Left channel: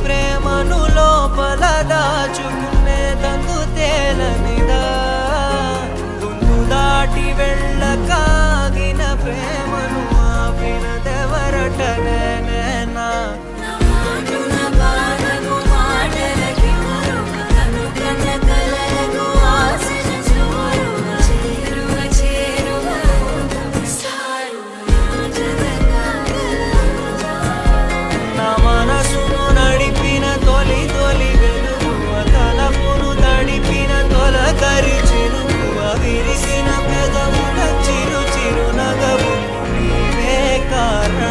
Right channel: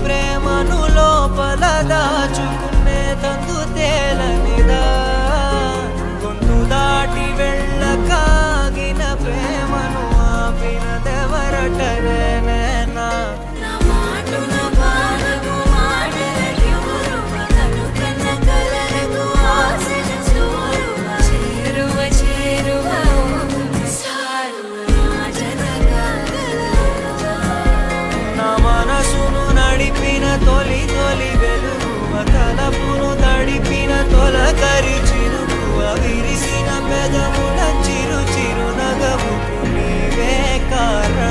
ప్రేమను లోపల దాచుకునే తందు తేలనిదా గొంతు దాటి వెళ్ళకాగిన ప్రేమను ఆపినదెవరటనే నేనా మనసును నడిపిన తొలి తొలి వెలుగువ తలపును తడిపిన తొలకరి చిరుకువ విరిసిన పెదముల చిరు చిరు నగవుకు నీవే కారణం